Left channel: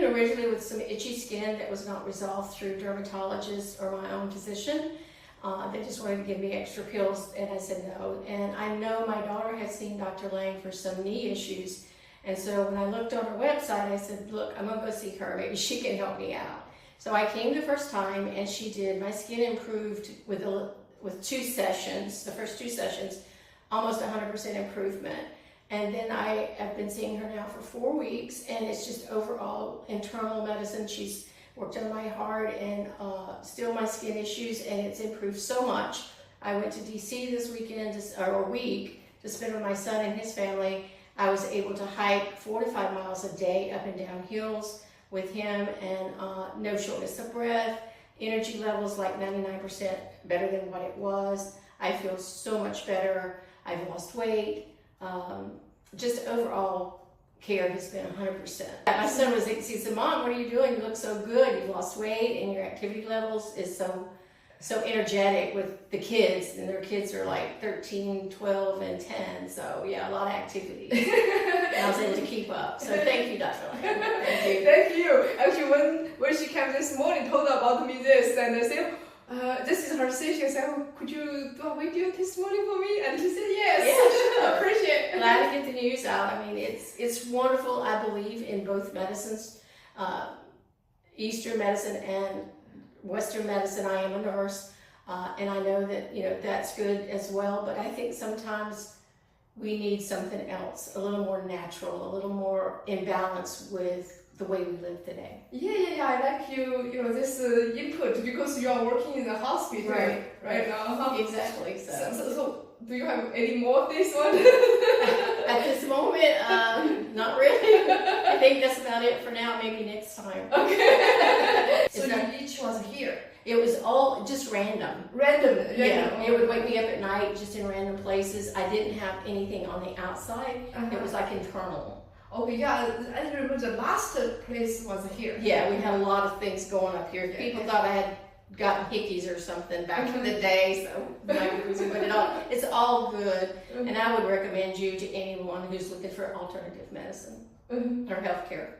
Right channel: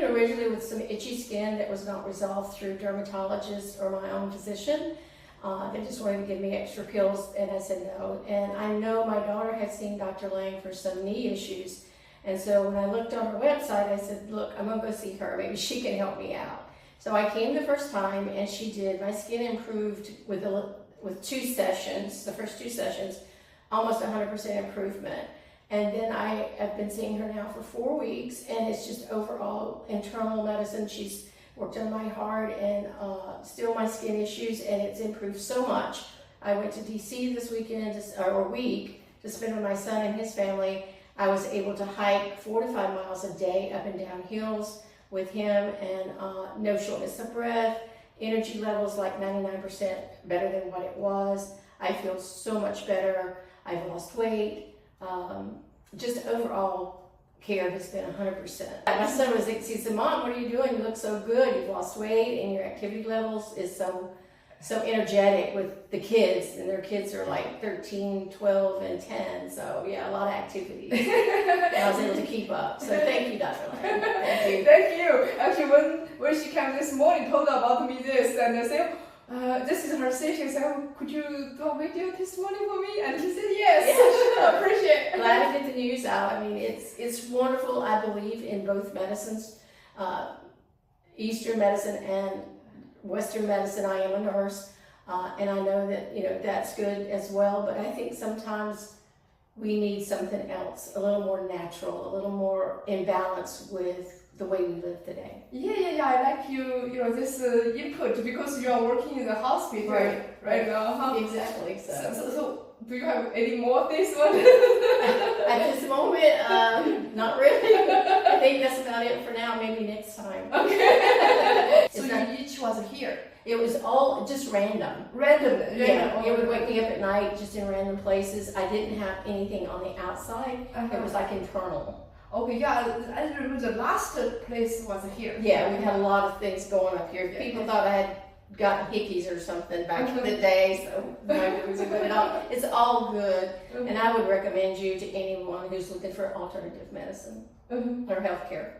in originally with some itchy skin that was not resolved through dermatologists or my own physician. They just wanted to give me extra pills, and I said no. And I know my daughter had seen Dr. Lang for some knee issues, and so when I looked on her website, I said, look, I'm gonna go see her. Maybe she can help me out. So I came the first time, and she did. My skin improved with 2 sessions, the first 2 sessions, almost 100% improvement. And then I've been seeing her now for 4 weeks, and it's just overall internal medicine. She's worked on my heart and still my skin issues, and it's improved so much. I went to DC this weekend, or week, to spend with my son and his family. I was able to hike 4 to 5 miles a day up and down hills with him, and no shortness of breath, energy levels like 99% better than what it was. I feel so much better. I've lost weight. Just overall care has been 100%. My son was, he said, Mom, what are you doing? You look so good. You've lost weight, and your activity levels is so energetic with the kids, and their kids are like 13, 12, and 10. So yeah, a lot of activities. And I was able to keep up. So thank you, Dr. Lang. Thank you. Thank you. Actually, when she came this morning, told about me this, and I said, this is her session. She said, could you do a video testimony for me? And she said, yes. Yeah, sure. Appreciate it. Glad to get the news out. I mean, it's wonderful. I believe in both medicines, Eastern medicine and Western medicine. I am a nurse, and I know that, you know, that's good as well. But I think sometimes we need something else, a little more natural, a little more in balance with the way we live today. Yeah. I like this input because you are working in the hospital, right now. Exactly. So do you have any more of this one? At this moment, not really. I think that's about it for now. Maybe next time. Okay. So each was here. It was all just random. Yeah, it would wake me up at night just in random places. I didn't have anything on the outside. It was like internal. Okay, yeah, I remember the last place was here. Yeah, we had a lot of things going up here. People thought I had gotten hickeys or something back in the day, so it's all good. And I would recommend you to anyone who's looking for alternative medicine or healthcare.